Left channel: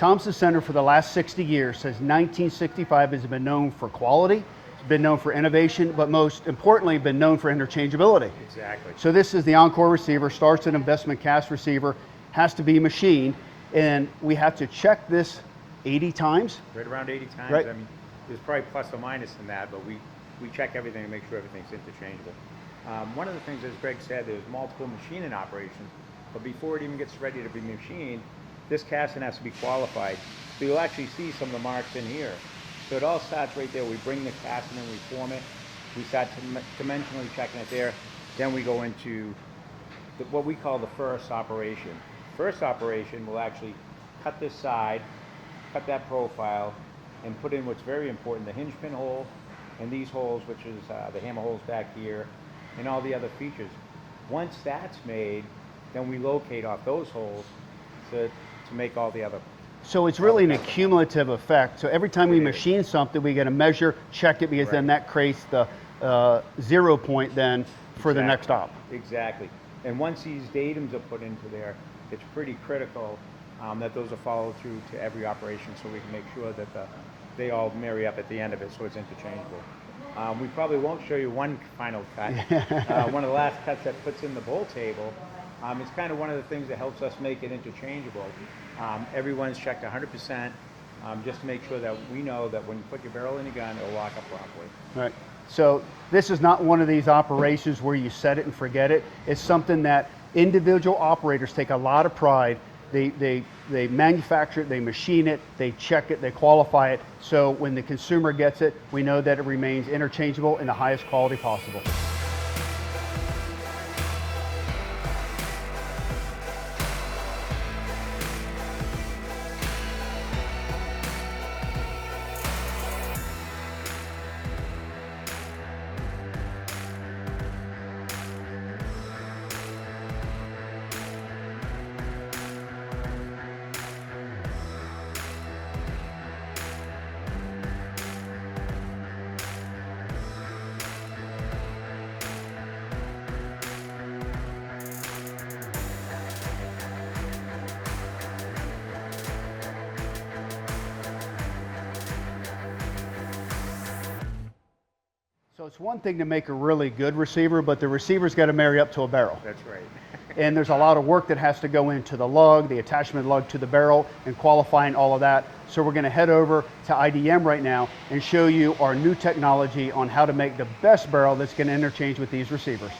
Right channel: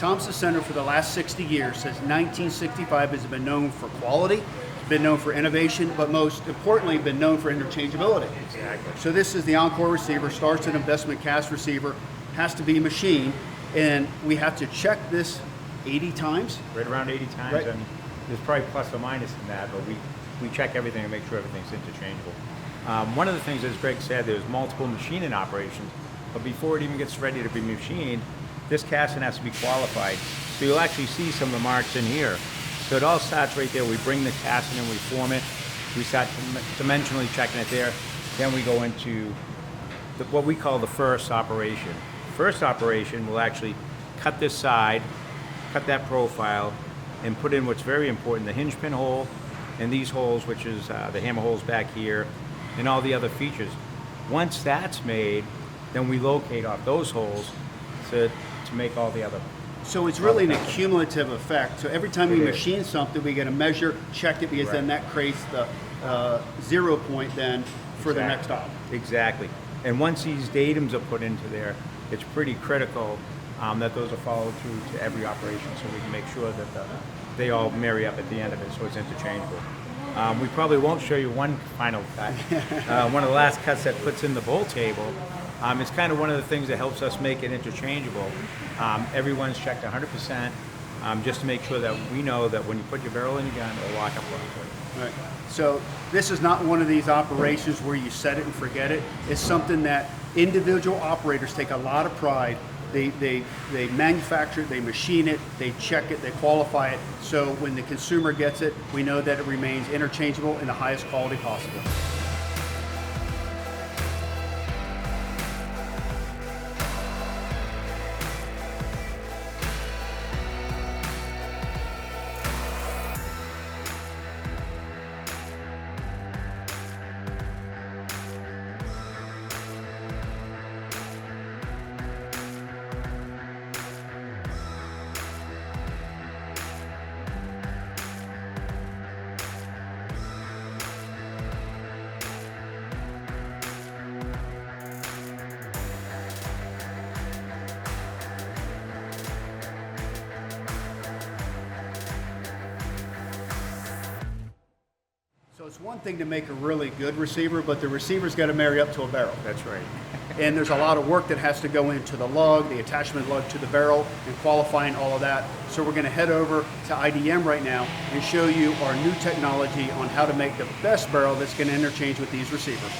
Thompson Center for the last 60 years, since 1965, has been known for quality, been known for innovation, but most importantly, been known for interchangeability. Exactly. So this is the ENCORE receiver, starts an investment cast receiver, has to be machined, and we have to check this 80 times. Right around 80 times, Right. and there's probably plus or minus in that, but we check everything and make sure everything's interchangeable. One of the things, as Greg said, there's multiple machining operations, but before it even gets ready to be machined, this casting has to be qualified. So you'll actually see some of the marks in here. So it all starts right there. We bring the casting in, we form it, we start dimensionally checking it there. Then we go into what we call the first operation. First operation will actually cut this side, cut that profile, and put in what's very important, the hinge pin hole, and these holes, which is the hammer holes back here, and all the other features. Once that's made, then we locate off those holes to make all the other. So it's really an accumulative effect. So every time we machine something, we get to measure, check it, because then that creates the 0 point then for the next op. Exactly. And once these datums are put into there, it's pretty critical that those are followed through to every operation, so we can make sure that they all marry up at the end of it, so it's interchangeable. We probably won't show you one final cut. One of the last cuts that puts in the bolt table. It's kind of one of the things that helps us make it interchangeable. Everyone's checked 100%, just to make sure that we know that when you put your barrel in your gun, it'll lock up properly. Right. So this is not one of these operations where you set it and forget it. It's something that individual operators take a lot of pride. They manufacture it, they machine it, they check it, they qualify it. So when the consumer gets it, we know that it remains interchangeable in the highest quality possible. So it's one thing to make a really good receiver, but the receiver's got to marry up to a barrel. That's right. And there's a lot of work that has to go into the lug, the attachment lug to the barrel, and qualifying all of that. So we're going to head over to IDM right now and show you our new technology on how to make the best barrel that's going to interchange with these receivers.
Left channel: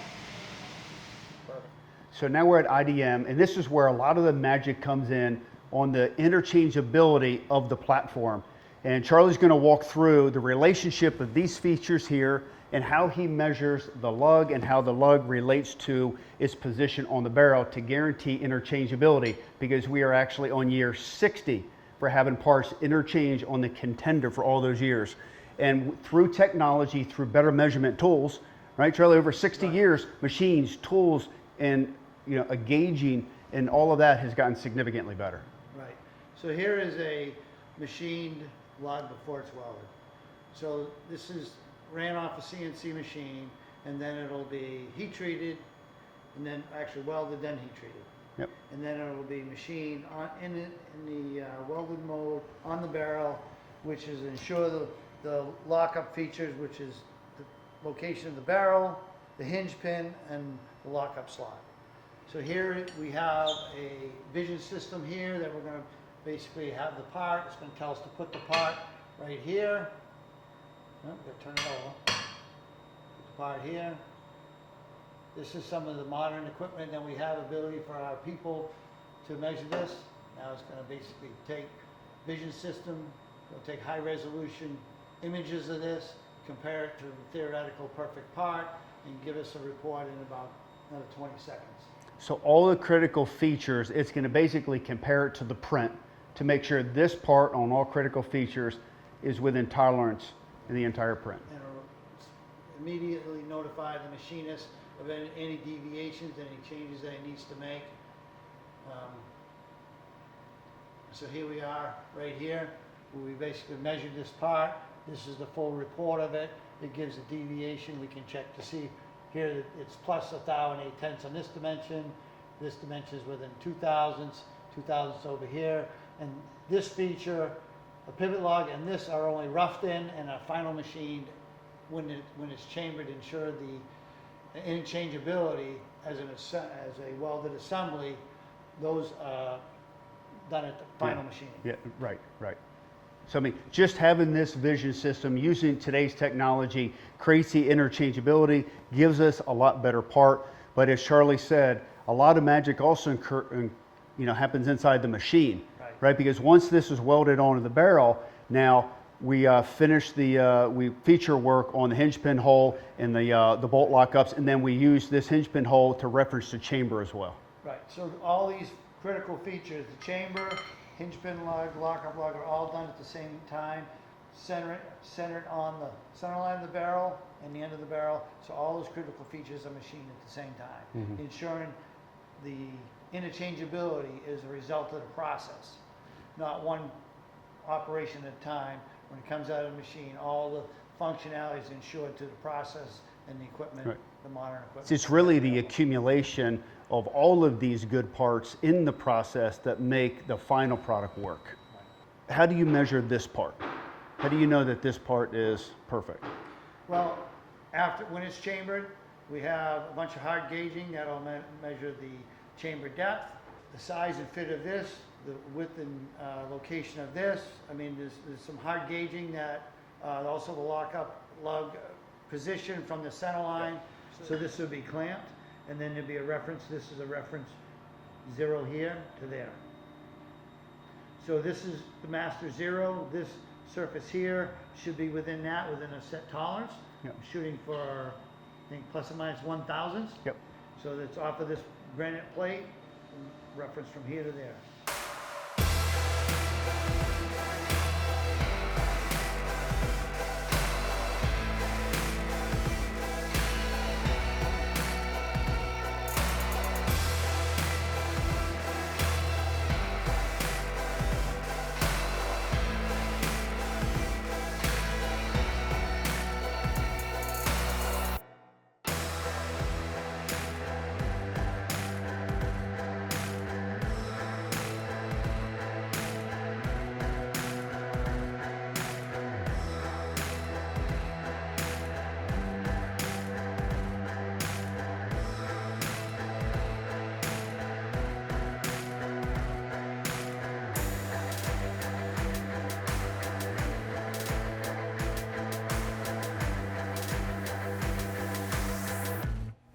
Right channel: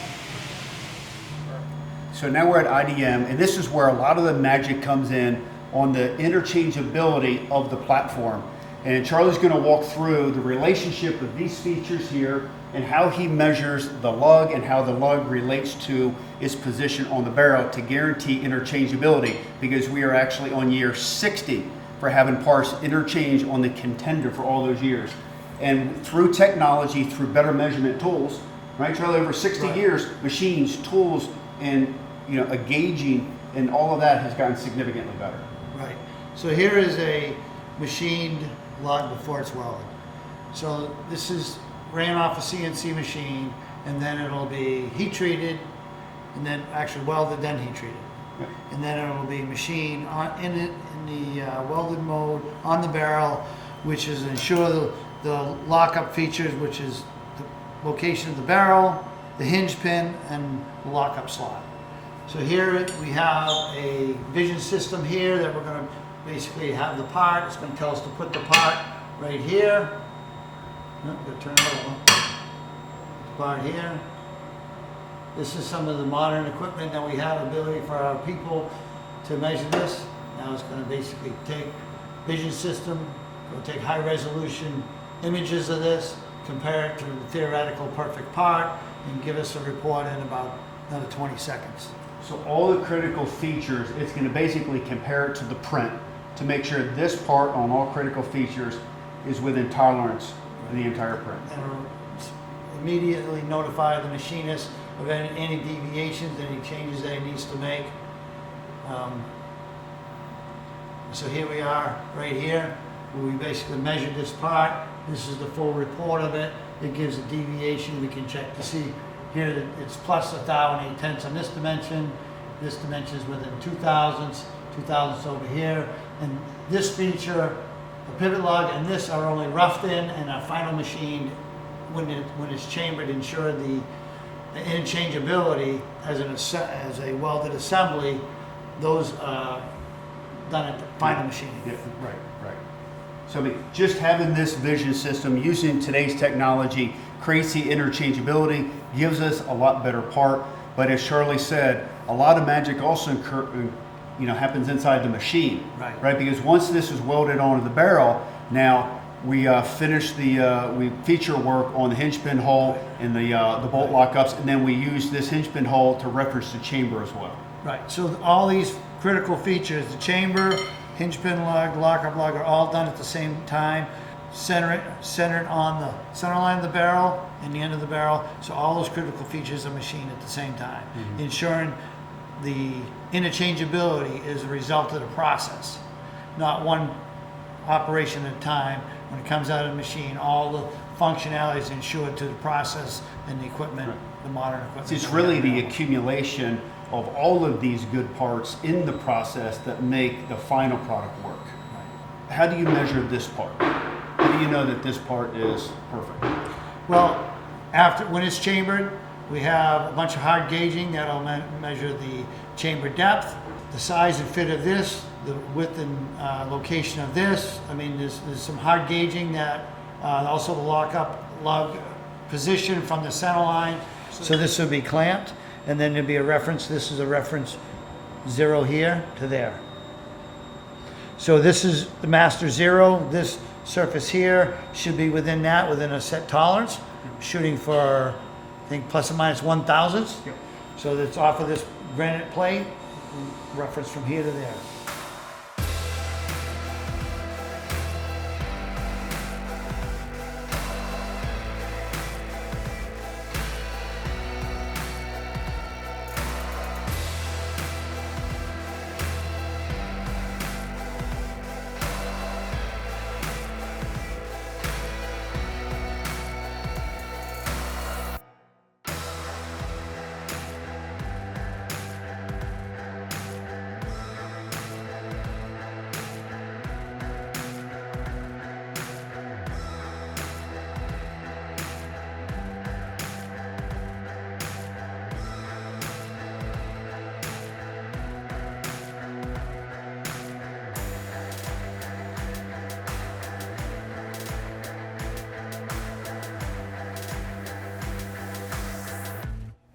So now we're at IDM, and this is where a lot of the magic comes in on the interchangeability of the platform. And Charlie's going to walk through the relationship of these features here and how he measures the lug and how the lug relates to its position on the barrel to guarantee interchangeability, because we are actually on year 60 for having parts interchange on the Contender for all those years. And through technology, through better measurement tools, right, Charlie, over 60 years, machines, tools, and a gauging and all of that has gotten significantly better. Right. So here is a machined lug before it's welded. So this is ran off a CNC machine, and then it'll be heat treated, and then actually welded, then heat treated. Yep. And then it'll be machined in the welded mode on the barrel, which is ensure the lockup features, which is the location of the barrel, the hinge pin, and the lockup slot. So here we have a vision system here that we're going to basically have the part. It's going to tell us to put the part right here. No, we're going to turn it over. The part here. This is some of the modern equipment that we have ability for our people to measure this. Now it's going to basically take vision system, go take high resolution images of this, compare it to the theoretical perfect part, and give us a report in about another 20 seconds. So all the critical features, it's going to basically compare it to the print to make sure this part on all critical features is within tolerance of the entire print. And immediately notify the machinist of any deviations, any changes that he needs to make. So here we are right here, where we basically measured this part. This is the full report of it. It gives a deviation. We can check to see here that it's plus 1,008 on this dimension. This dimension is within 2 thousandths over here. And this feature, the pivot lug, and this are only roughed in and are final machined when it's chambered, ensure the interchangeability as a welded assembly. Those are done at the final machining. Yeah, right, right. So I mean, just having this vision system using today's technology creates the interchangeability, gives us a lot better part. But as Charlie said, a lot of magic also happens inside the machine, right? Because once this is welded onto the barrel, now we finish we feature work on the hinge pin hole and the bolt lockups, and then we use this hinge pin hole to reference the chamber as well. Right. So all these critical features, the chamber, hinge pin lug, lockup lug, are all done at the same time, centered on the center line of the barrel and the end of the barrel. So all those critical features are machined at the same time, ensuring the interchangeability is a result of the process, not one operation at a time. When it comes out of the machine, all the functionality is ensured to the process and the equipment, the modern equipment. So it's really the accumulation of all of these good parts in the process that make the final product work. How do you measure this part? How do you know that this part is perfect? Well, when it's chambered, we have a bunch of hard gauging that'll measure the chamber depth, the size and fit of this, the width and location of this. I mean, there's some hard gauging that also the lug position from the center line. So this will be clamped, and then there'll be a reference. This is a reference 0 here to there. So this is the master 0. This surface here should be within a set tolerance, shooting for, I think, plus or minus 1/1000. Yep. So that's off of this granite plate, reference from here to there.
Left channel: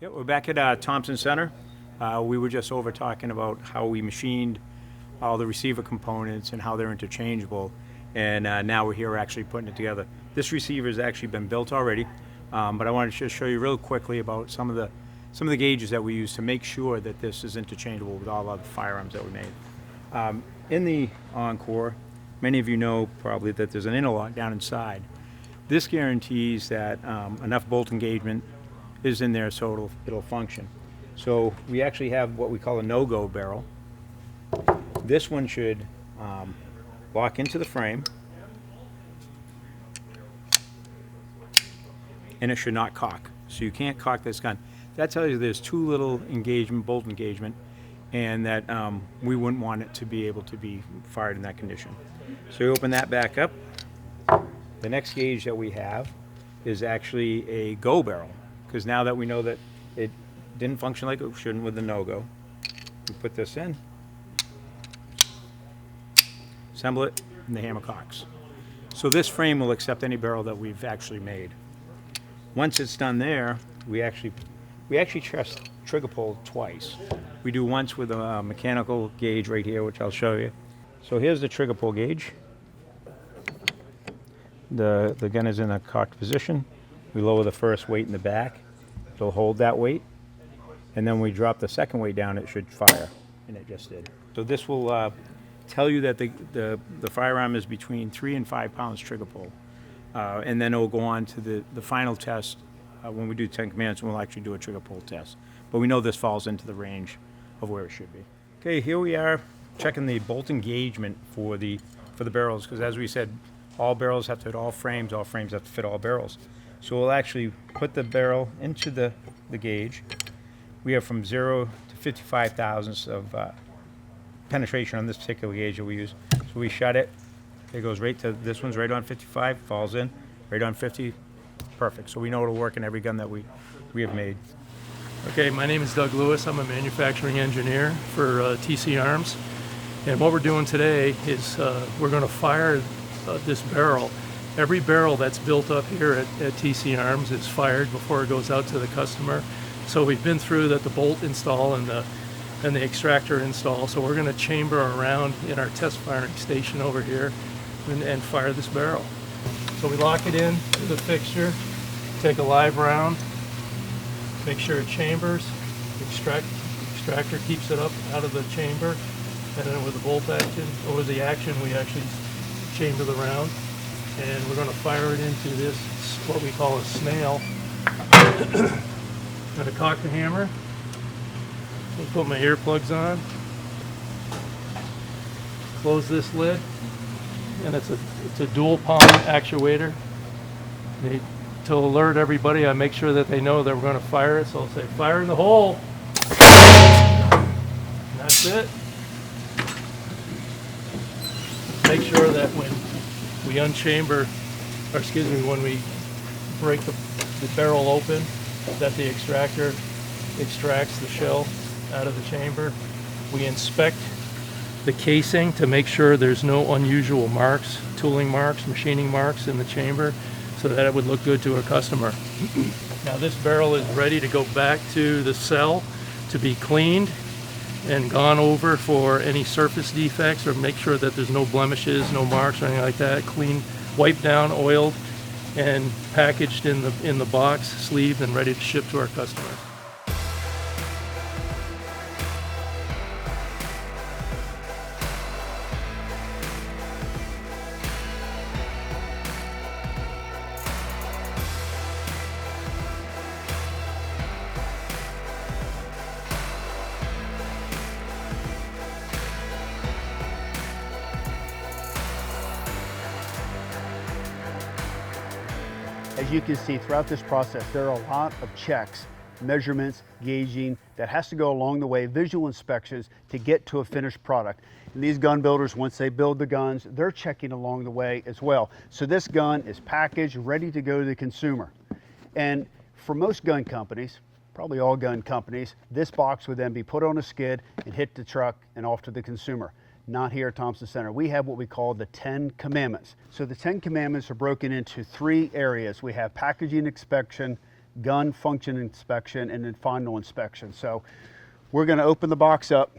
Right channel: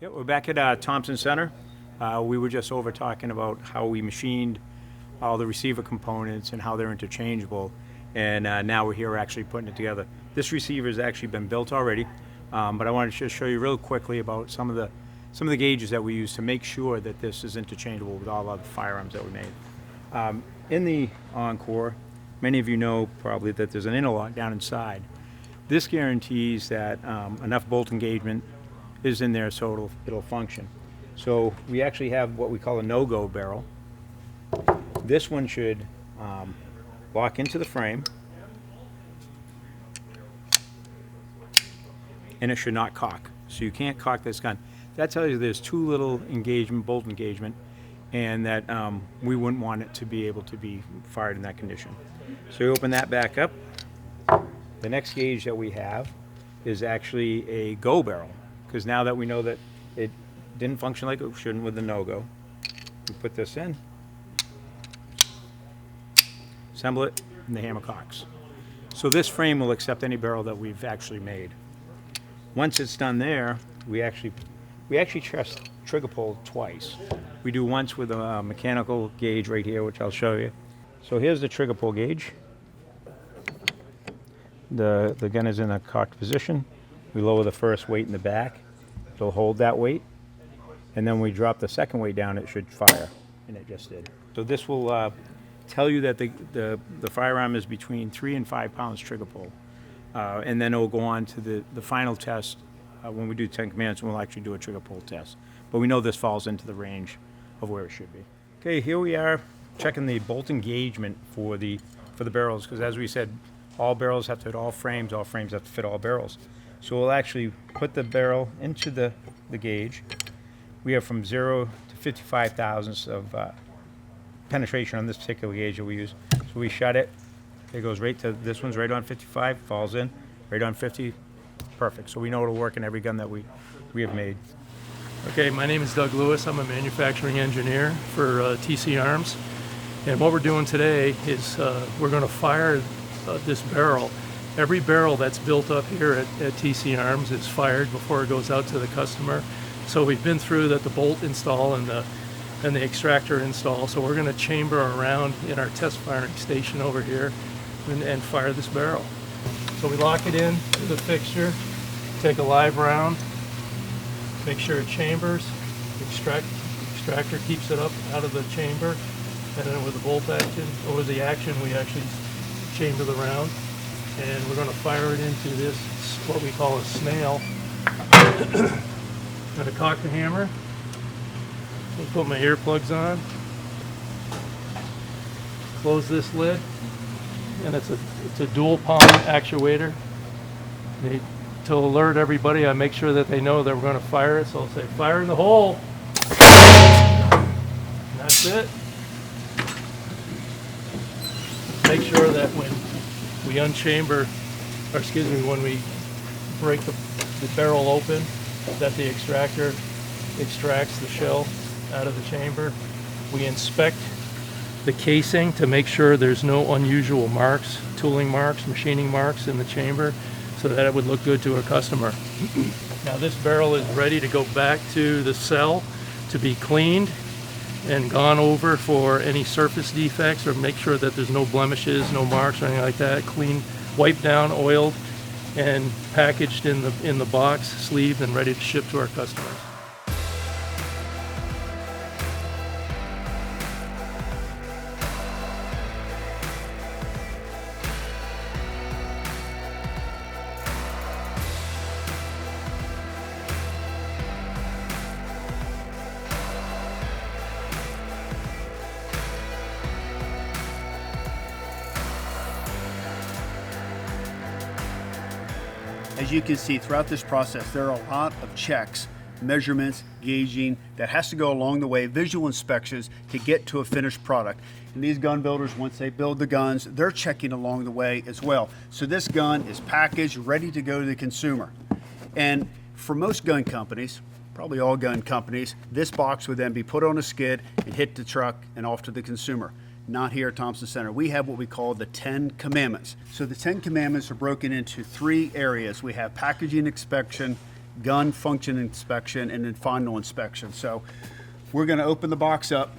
Yeah, we're back at Thompson Center. We were just over talking about how we machined all the receiver components and how they're interchangeable, and now we're here actually putting it together. This receiver has actually been built already, but I wanted to just show you real quickly about some of the gauges that we use to make sure that this is interchangeable with all other firearms that we made. In the ENCORE, many of you know probably that there's an interlock down inside. This guarantees that enough bolt engagement is in there so it'll function. So we actually have what we call a no-go barrel. This one should lock into the frame, and it should not cock. So you can't cock this gun. That tells you there's too little engagement, bolt engagement, and that we wouldn't want it to be able to be fired in that condition. So you open that back up. The next gauge that we have is actually a go barrel, because now that we know that it didn't function like it shouldn't with the no-go, we put this in, assemble it, and the hammer cocks. So this frame will accept any barrel that we've actually made. Once it's done there, we actually test trigger pull twice. We do once with a mechanical gauge right here, which I'll show you. So here's the trigger pull gauge. The gun is in a cocked position. We lower the first weight in the back. It'll hold that weight. And then we drop the second weight down, it should fire. And it just did. So this will tell you that the firearm is between 3 and 5 pounds trigger pull. And then it will go on to the final test. When we do 10 commands, we'll actually do a trigger pull test. But we know this falls into the range of where it should be. Okay, here we are checking the bolt engagement for the barrels, because as we said, all barrels have to fit all frames have to fit all barrels. So we'll actually put the barrel into the gauge. We have from 0 to 55 thousandths of penetration on this particular gauge that we use. So So we shut it. It goes right to, this one's right on 55, falls in, right on 50, perfect. So we know it'll work in every gun that we have made. Okay, my name is Doug Lewis. I'm a manufacturing engineer for TC Arms. And what we're doing today is we're going to fire this barrel. Every barrel that's built up here at TC Arms is fired before it goes out to the customer. So we've been through the bolt install and the extractor install. So we're going to chamber around in our test firing station over here and fire this barrel. So we lock it in to the fixture, take a live round, make sure it chambers, extractor keeps it up out of the chamber, and then with the bolt action, or with the action, we actually chamber the round, and we're going to fire it into this, what we call a snail. Going to cock the hammer, I'll put my earplugs on, close this lid, and it's a dual palm actuator. To alert everybody, I make sure that they know that we're going to fire it, so I'll say fire in the hole. And that's it. Make sure that when we unchamber, or excuse me, when we break the barrel open, that the extractor extracts the shell out of the chamber. We inspect the casing to make sure there's no unusual marks, tooling marks, machining marks in the chamber, so that it would look good to a customer. Now this barrel is ready to go back to the cell to be cleaned and gone over for any surface defects, or make sure that there's no blemishes, no marks or anything like that. Clean, wiped down, oiled, and packaged in the box, sleeved, and ready to ship to our customers. As you can see throughout this process, there are a lot of checks, measurements, gauging that has to go along the way, visual inspections to get to a finished product. And these gun builders, once they build the guns, they're checking along the way as well. So this gun is packaged, ready to go to the consumer. And for most gun companies, probably all gun companies, this box would then be put on a skid and hit the truck and off to the consumer. Not here at Thompson Center. We have what we call the 10 Commandments. So the 10 Commandments are broken into 3 areas. We have packaging inspection, gun function inspection, and then final inspection. So we're going to open the box up.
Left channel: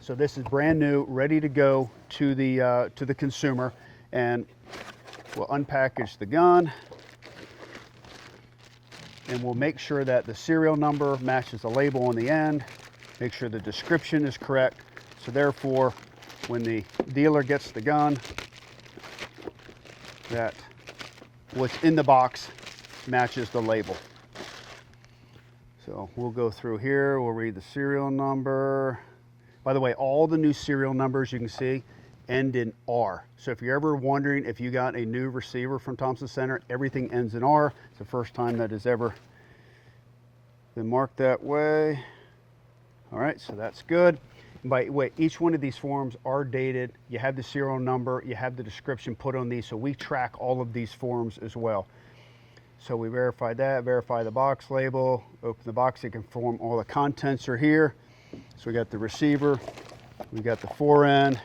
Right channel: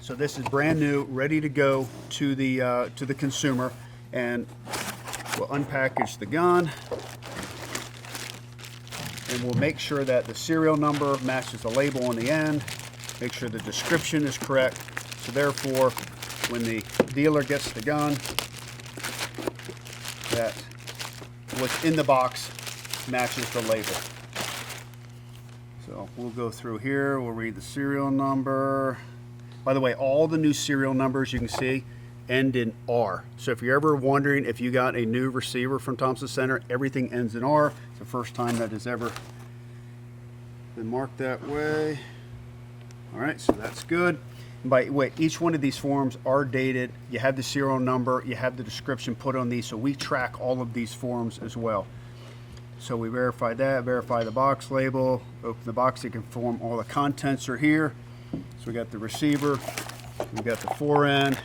So this is brand new, ready to go to the consumer, and we'll unpackage the gun, and we'll make sure that the serial number matches the label on the end. Make sure the description is correct. So therefore, when the dealer gets the gun, that what's in the box matches the label. So we'll go through here, we'll read the serial number. By the way, all the new serial numbers you can see end in R. So if you're ever wondering if you got a new receiver from Thompson Center, everything ends in R. It's the first time that has ever been marked that way. All right, so that's good. By the way, each one of these forms are dated. You have the serial number, you have the description put on these, so we track all of these forms as well. So we verify that, verify the box label, open the box to confirm all the contents are here. So we got the receiver, we got the fore-end,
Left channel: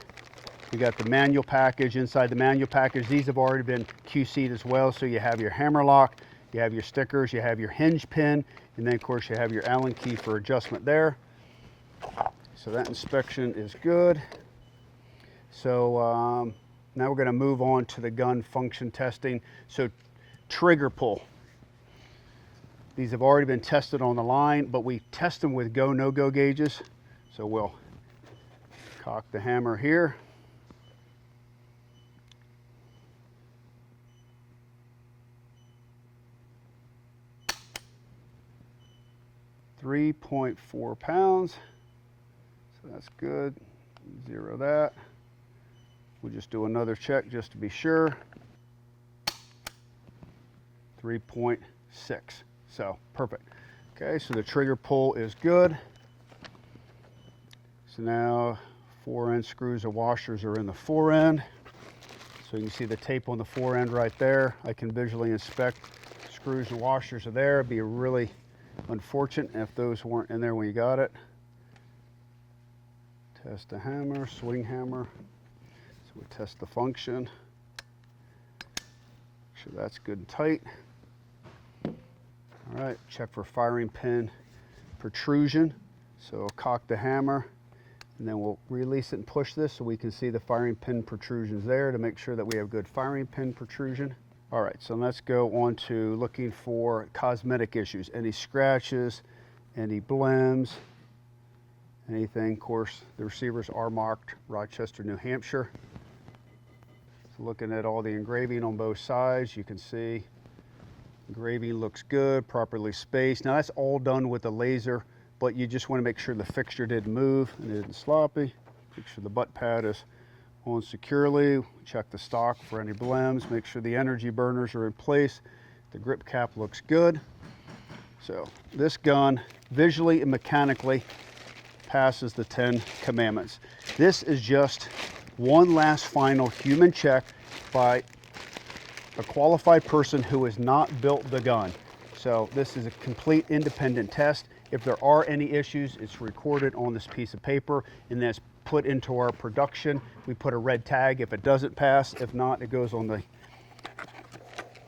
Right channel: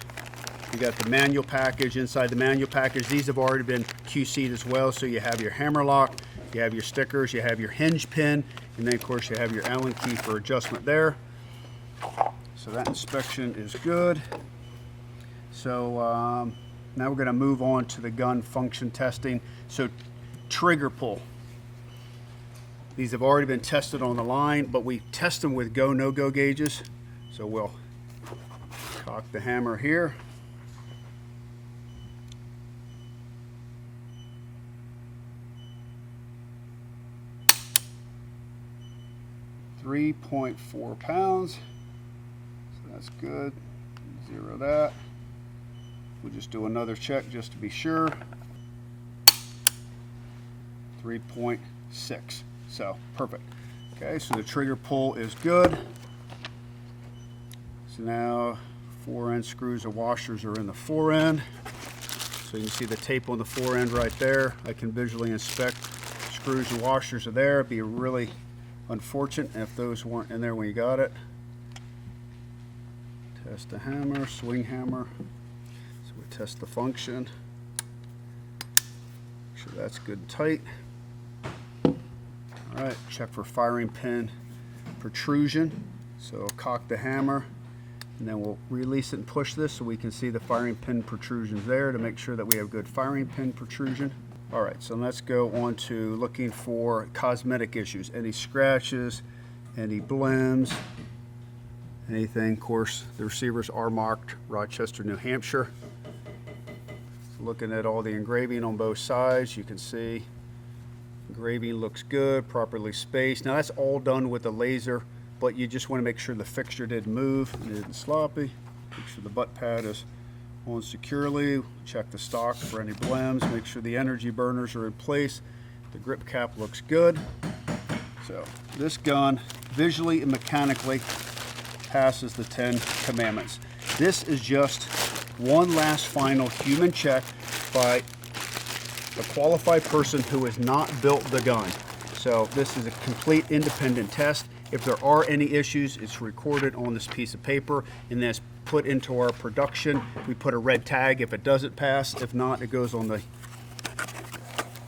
we got the manual package. Inside the manual package, these have already been QC'd as well, so you have your hammer lock, you have your stickers, you have your hinge pin, and then of course you have your Allen key for adjustment there. So that inspection is good. So now we're going to move on to the gun function testing. So trigger pull. These have already been tested on the line, but we test them with go, no-go gauges. So we'll cock the hammer here. .4 pounds. That's good. Zero that. We'll just do another check just to be sure. 3.6. So perfect. Okay, so the trigger pull is good. So now Fore end screws and washers are in the fore end. So you can see the tape on the fore end right there. I can visually inspect screws and washers are there. It'd be really unfortunate if those weren't in there when you got it. Test the hammer, swing hammer. So we test the function. Make sure that's good and tight. All right, check for firing pin protrusion. So cock the hammer, and then we'll release it and push this so we can see the firing pin protrusions there to make sure that we have good firing pin protrusion. All right, so let's go on to looking for cosmetic issues. Any scratches, any blems, anything. Of course, the receivers are marked Rochester, New Hampshire. So looking at all the engraving on both sides, you can see engraving looks good, properly spaced. Now that's all done with a laser, but you just want to make sure the fixture didn't move and it isn't sloppy. Make sure the butt pad is on securely. Check the stock for any blems. Make sure the energy burners are in place. The grip cap looks good. So this gun visually and mechanically passes the 10 commandments. This is just one last final human check by a qualified person who has not built the gun. So this is a complete independent test. If there are any issues, it's recorded on this piece of paper and then it's put into our production. We put a red tag if it doesn't pass. If not, it goes on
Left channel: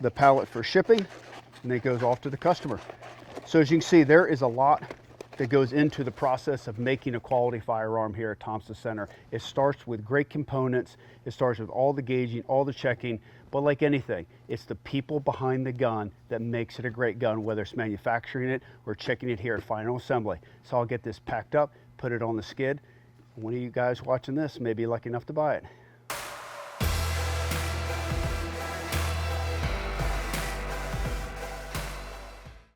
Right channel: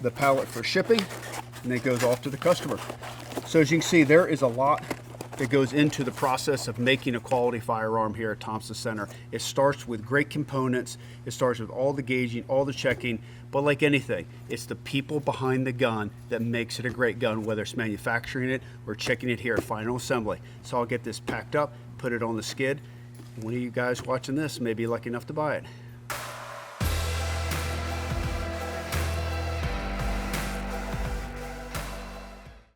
the pallet for shipping and it goes off to the customer. So as you can see, there is a lot that goes into the process of making a quality firearm here at Thompson Center. It starts with great components. It starts with all the gauging, all the checking, but like anything, it's the people behind the gun that makes it a great gun, whether it's manufacturing it or checking it here at final assembly. So I'll get this packed up, put it on the skid. One of you guys watching this may be lucky enough to buy it.